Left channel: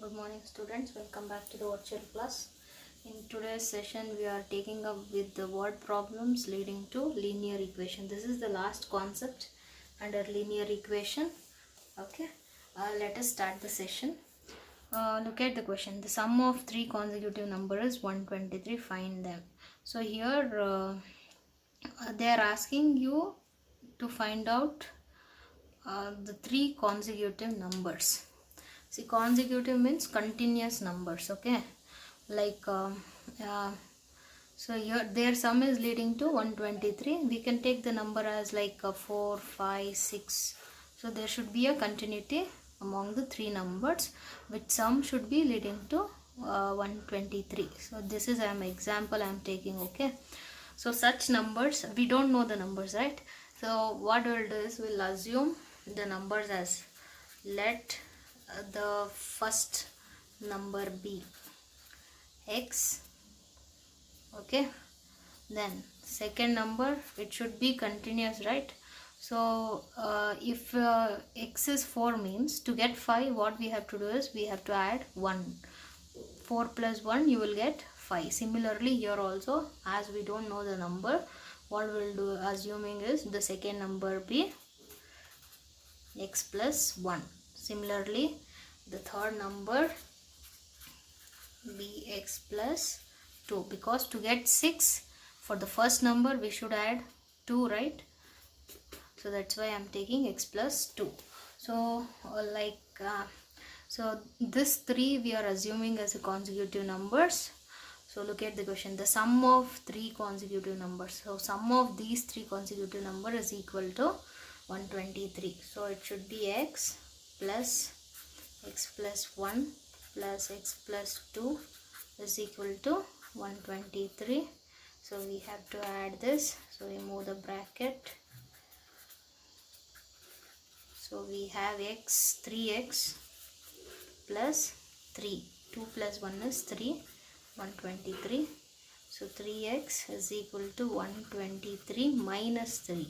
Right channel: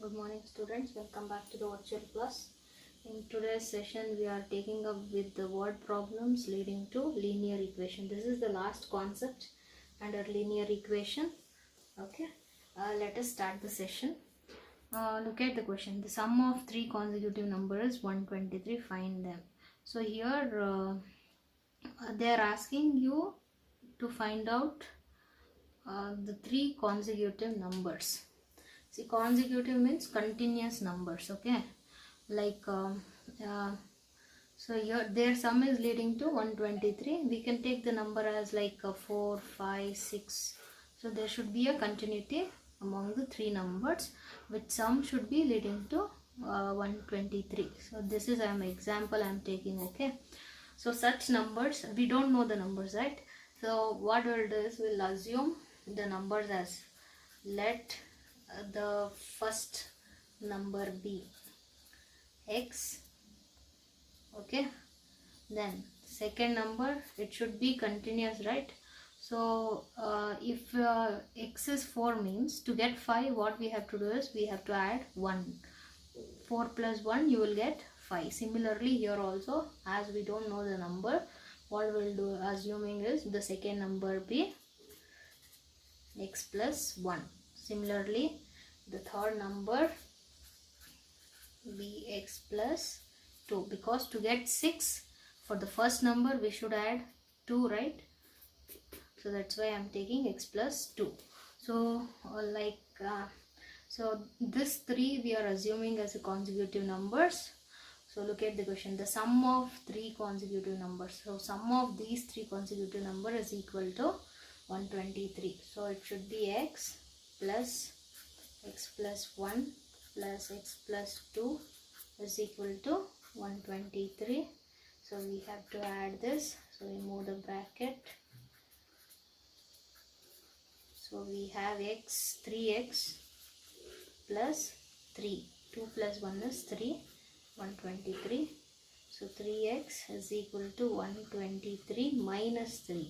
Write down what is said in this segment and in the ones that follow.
Good morning students, welcome back to the virtual class. In today's session we are taking up with the word problems leading to linear equation. This is the last concept under linear equation. Okay, let us start the session. Look at the question. The sum of three consecutive numbers is 123, find them. So here they are asking you to find out the three consecutive numbers. See, consecutive means continuous numbers. Okay, like so here their sum is leading to 123. We can take the number as like 4, 5, 6. So there should be a continuity among the three numbers, which sum should be leading to 123. So this is an example I am taking. Okay, so such numbers, we don't know the numbers, right? So what we'll do is we'll assume the numbers as, let the first number be x. Okay, then second number, it should be continuous, right? So if x is 4 means to get 5, what we have to do is we have to add 1. 4 plus 1 you will get 5. Similarly here also, as we don't know the number, what we'll do assuming is the second number be x plus 1. Similarly the third number be x plus 2, because to get 6 for the first number we should add 2, right? So that's why I'm taking x plus 2. So so this 3 we are assuming as a consecutive numbers. So look at the question. The sum of three consecutive numbers. So sum of these three consecutive numbers is equal to 123. So it should be x plus 1 plus x plus 2 is equal to 123. So we have to add this. So remove the bracket. So we have 3x plus 3. 2 plus 1 is 3. 123. So 3x is equal to 123 minus 3.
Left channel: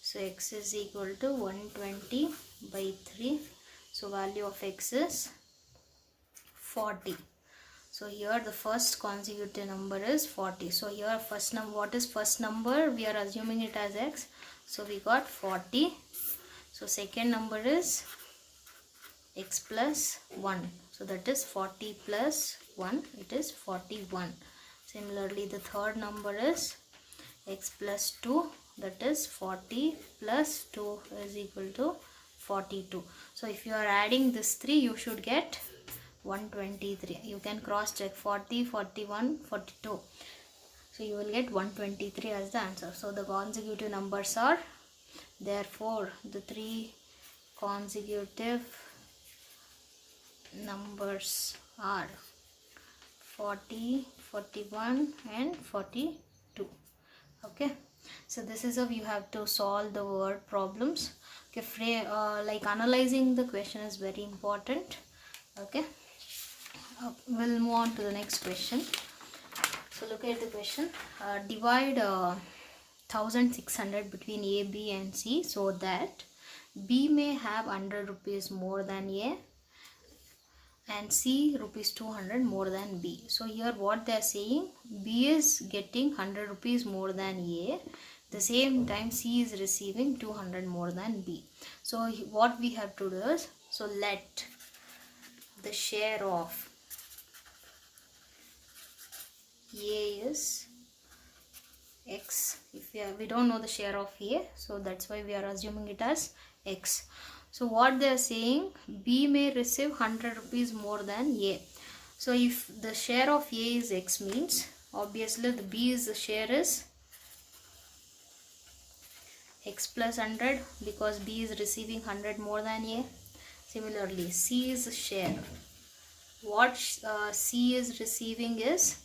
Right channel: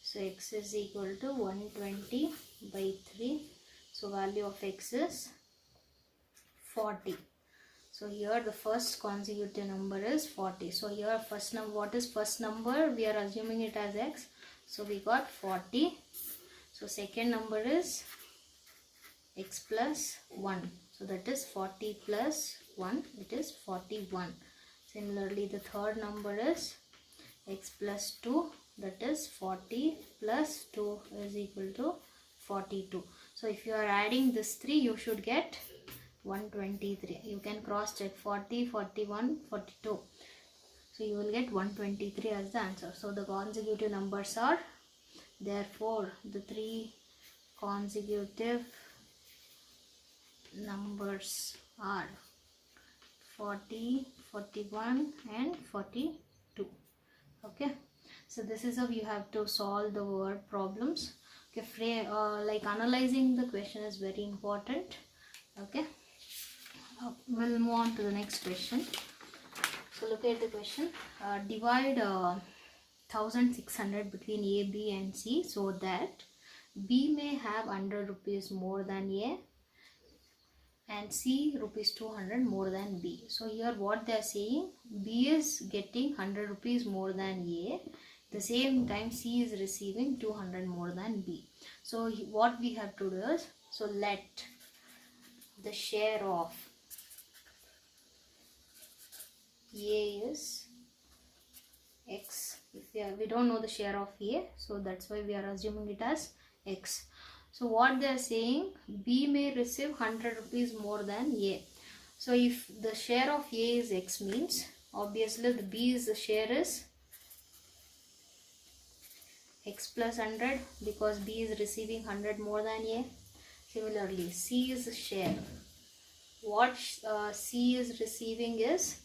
So x is equal to 120 by 3. So value of x is 40. So here the first consecutive number is 40. So here first number, what is first number? We are assuming it as x. So we got 40. So second number is x plus 1. So that is 40 plus 1. It is 41. Similarly the third number is x plus 2. That is 40 plus 2 is equal to 42. So if you are adding this 3, you should get 123. You can cross check 40, 41, 42. So you will get 123 as the answer. So the consecutive numbers are, therefore the three consecutive numbers are 40, 41 and 42. Okay, so this is how you have to solve the word problems. Okay, like analyzing the question is very important. Okay, we'll move on to the next question. So look at the question. Divide 1600 between A, B and C so that B may have 100 rupees more than A and C rupees 200 more than B. So here what they are saying, B is getting 100 rupees more than A. The same time C is receiving 200 more than B. So what we have to do is, so let the share of A is x. If we don't know the share of A, so that's why we are assuming it as x. So what they are saying, B may receive 100 rupees more than A. So if the share of A is x means, obviously the B's share is x plus 100, because B is receiving 100 more than A. Similarly C's share, what C is receiving is,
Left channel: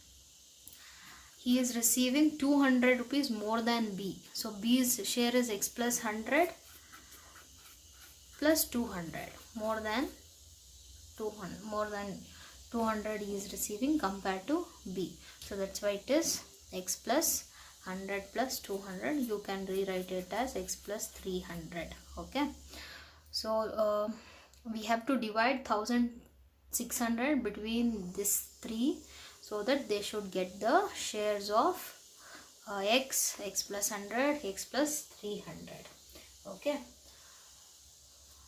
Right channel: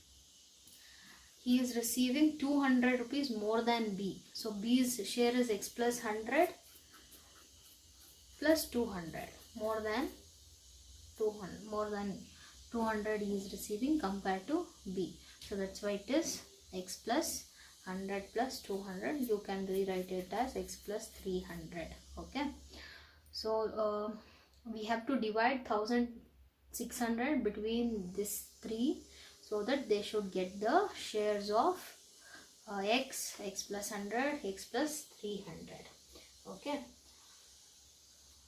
he is receiving 200 rupees more than B. So B's share is x plus 100 plus 200 more than 200 he is receiving compared to B. So that's why it is x plus 100 plus 200. You can rewrite it as x plus 300. Okay, so we have to divide 600 between this 3, so that they should get the shares of x plus 100, x plus 300. Okay,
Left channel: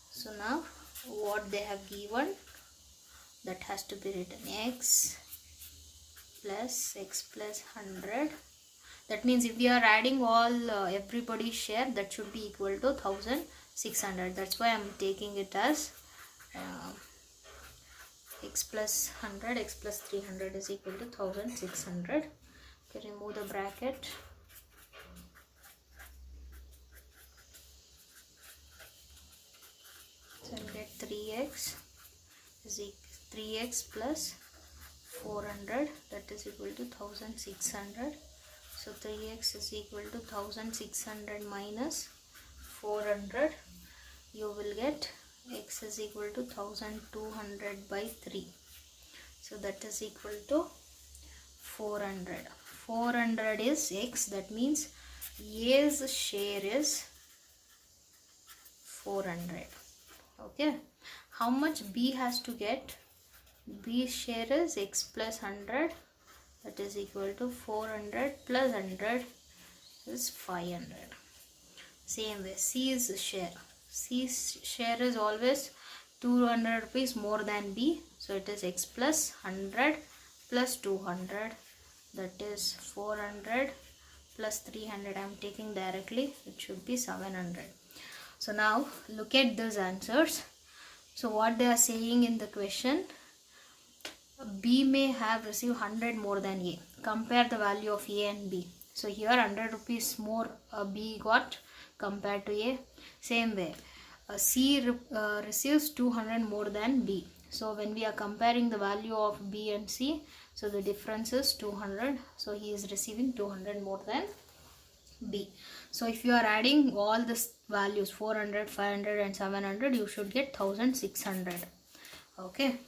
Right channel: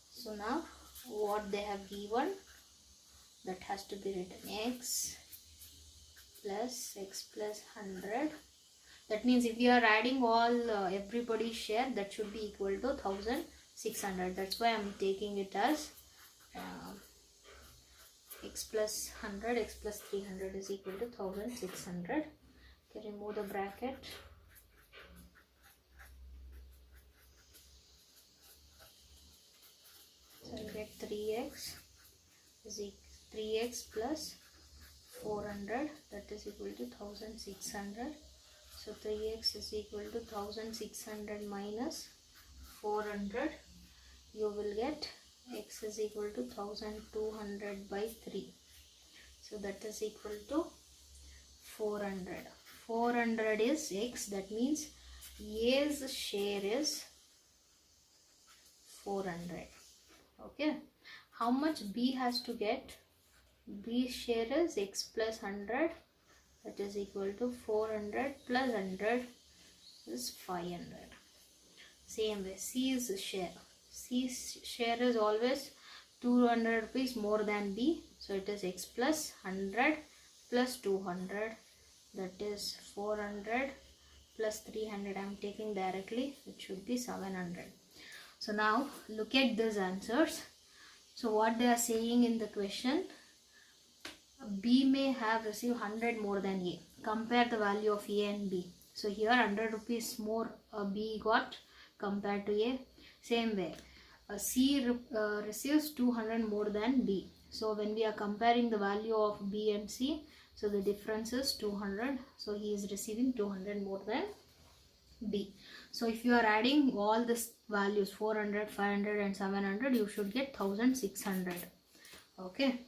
so now what they have given, that has to be written x plus 100. That means if we are adding all everybody's share, that should be equal to 1600. That's why I am taking it as x plus 100, x plus 300 is equal to 1600. Okay, remove the bracket. So I get 3x is 3x plus 400, that is equal to 1600. So 3x is equal to 1600 minus 400. You will get x is equal to 1200 by 3. So that is equal to 400. 400 is x, that means A's share is 400. Okay, how much B has to get? B's share is x plus 100, that is equal to 400 plus 100 is 500. Same way, C's share. C's share is always 200 rupees more than B. So it is x plus 100 plus 200, that is 400 plus 300. I am taking directly, it should be 700. So now look at these answers. So what they are saying in the question, B may have received 100 more than A. Compare the value of A and B. So here 100 rupees more B got compared to A. Same way, C receives 200 more than B. So when we are comparing the value of B and C, so the difference is 200. So he is receiving 200 more than B. So if you are adding all these values 400, 500 and 700, you should get 1600. Okay.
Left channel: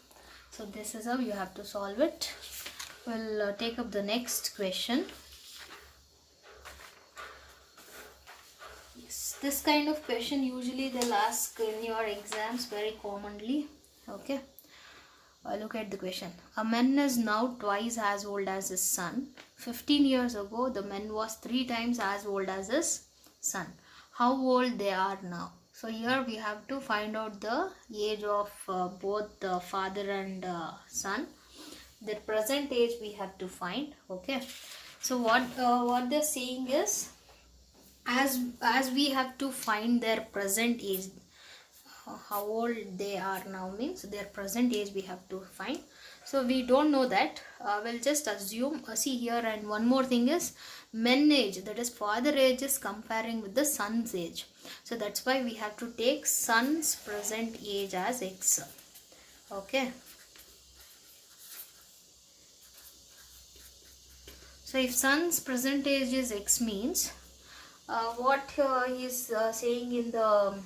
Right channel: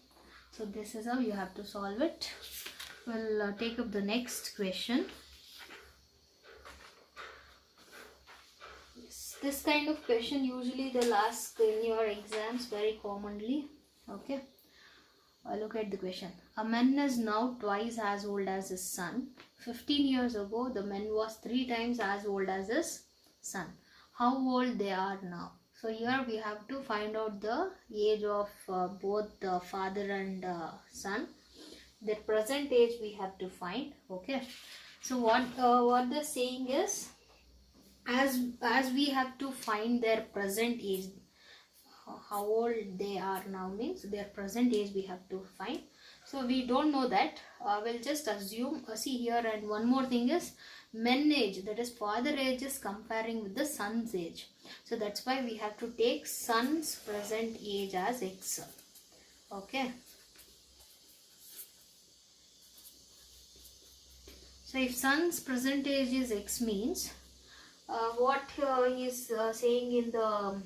So this is how you have to solve it. We'll take up the next question. Yes, this kind of question usually they'll ask in your exams very commonly. Okay. Look at the question. A man is now twice as old as his son. 15 years ago, the man was 3 times as old as his son. How old they are now? So here we have to find out the age of both the father and son. The present age we have to find. Okay. So what they're saying is, as we have to find their present age, how old they are now means their present age we have to find. So we don't know that. We'll just assume. See here, and one more thing is men age, that is father age is comparing with the son's age. So that's why we have to take son's present age as x. Okay. So if son's present age is x means what he is saying in the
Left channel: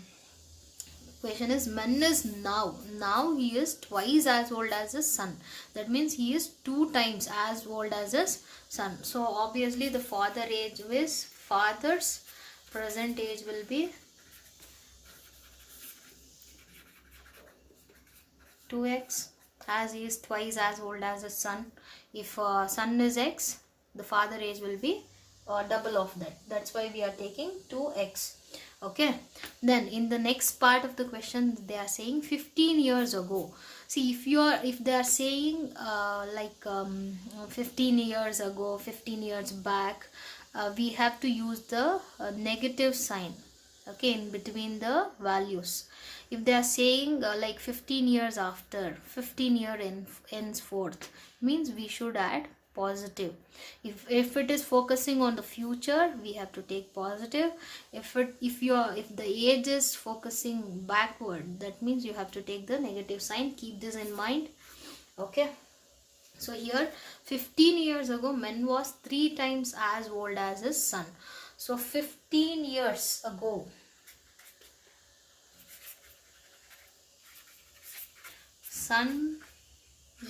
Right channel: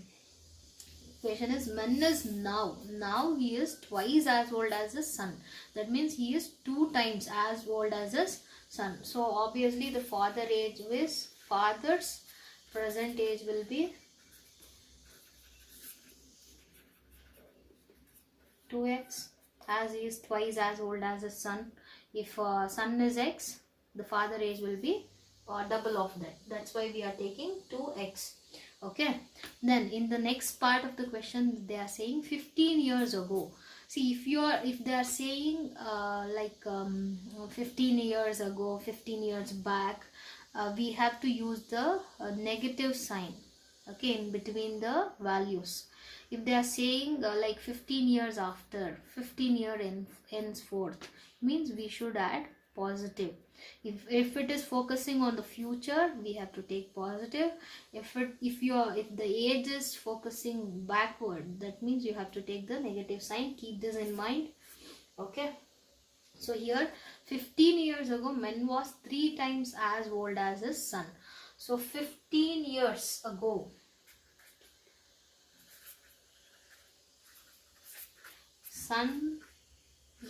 question is man is now he is twice as old as his son. That means he is 2 times as old as his son. So obviously the father's present age will be 2x, as he is twice as old as his son. If son is x, the father age will be double of that. That's why we are taking 2x. Okay. Then in the next part of the question, they are saying 15 years ago. See, if they are saying 15 years ago, 15 years back, we have to use the negative sign, okay, in between the values. If they are saying like 15 years after, 15 year henceforth, means we should add positive. If it is focusing on the future, we have to take positive. If the age is focusing backward, that means you have to take the negative sign. Keep this in mind. Okay. So here 15 years ago, man was 3 times as old as his son. So 15 years ago, son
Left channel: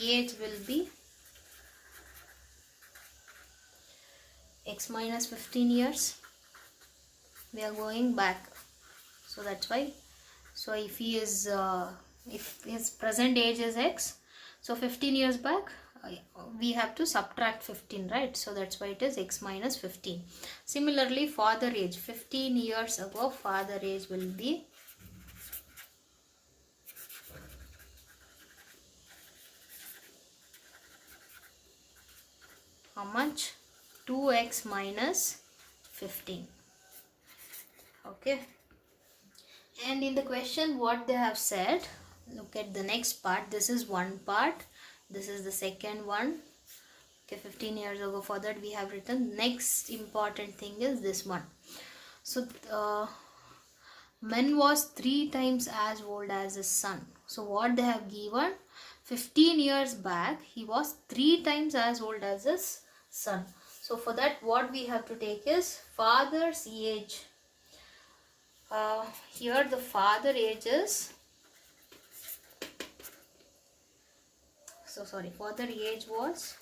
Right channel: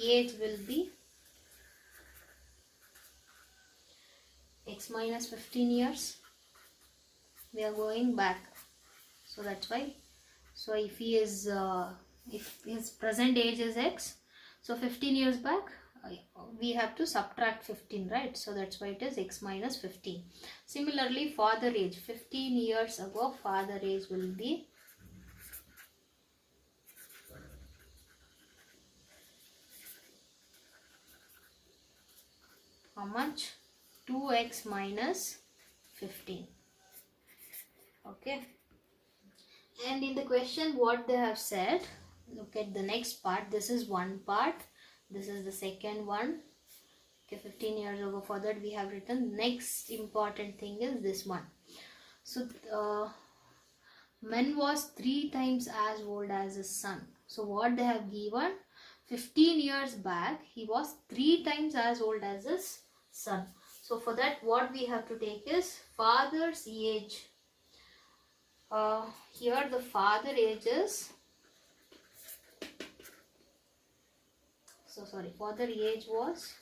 age will be x minus 15 years. We are going back, so that's why. So if he is if his present age is x, So 15 years back, we have to subtract 15, right? So that's why it is x minus 15. Similarly, father age, 15 years ago, father age will be how much? 2x minus 15. Okay. And in the question, what they have said, look at the next part. This is one part. This is the second one. Okay, 15 years ago, for that we have written. Next important thing is this one. So, man was 3 times as old as his son. So, what they have given, 15 years back, he was 3 times as old as his son. So, for that, what we have to take is father's age. Here the father age is, father age was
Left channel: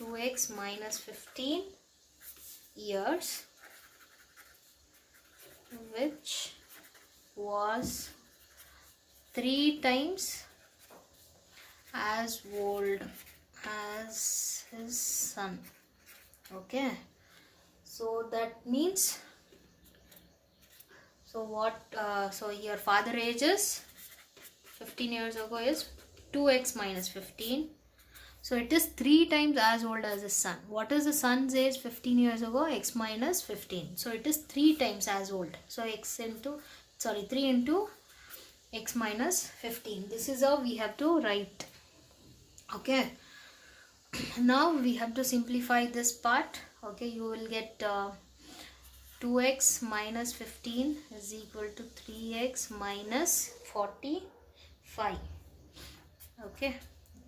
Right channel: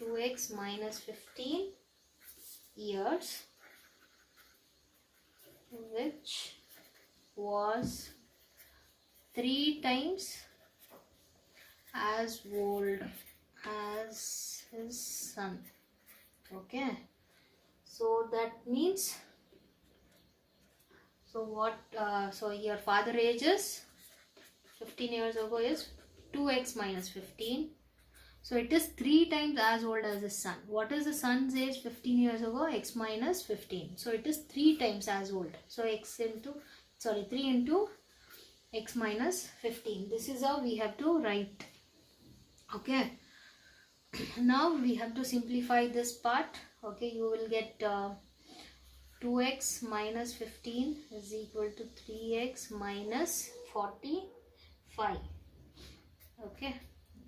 2x minus 15 years, which was 3 times as old as his son. Okay, so that means, so here father age is 15 years ago is 2x minus 15. So it is 3 times as old as the son. What is the son's age 15 years ago? X minus 15. So it is 3 times as old. So 3 into x minus 15. This is how we have to write. Okay. Now we have to simplify this part. Okay, you will get 2x minus 15 is equal to 3x minus 45. Okay.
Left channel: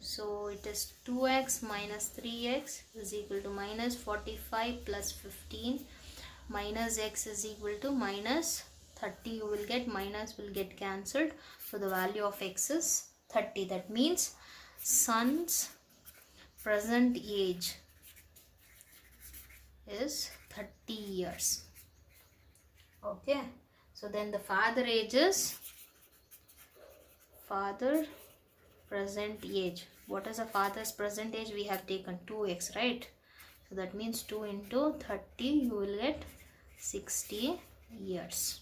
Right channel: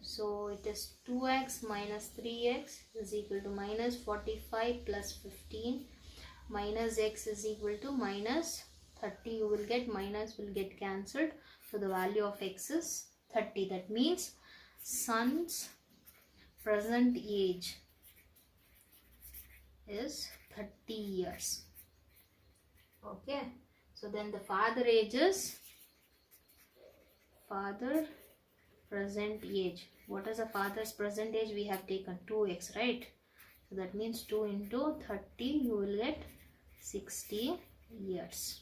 So it is 2x minus 3x is equal to minus 45 plus 15 minus x is equal to minus 30. You will get, minus will get cancelled. So the value of x is 30. That means son's present age is 30 years. Okay. So then the father age is father present age. What is a father's present age? We have taken 2x, right? So that means 2 into 30, you will get 60 years.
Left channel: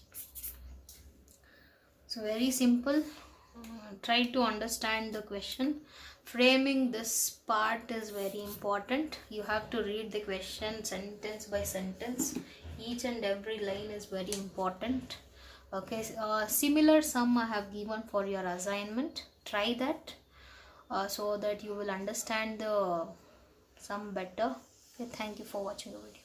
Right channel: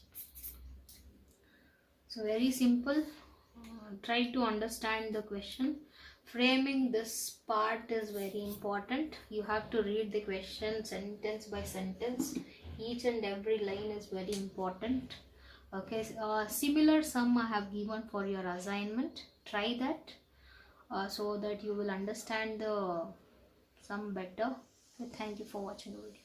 So very simple. Try to understand the question. Framing this part is very important. You have to read the question sentence by sentence. Each and every line is very important. Okay, similar sum I have given for your assignment. Try that so that you will understand the sum better. Okay, thank you for watching the video.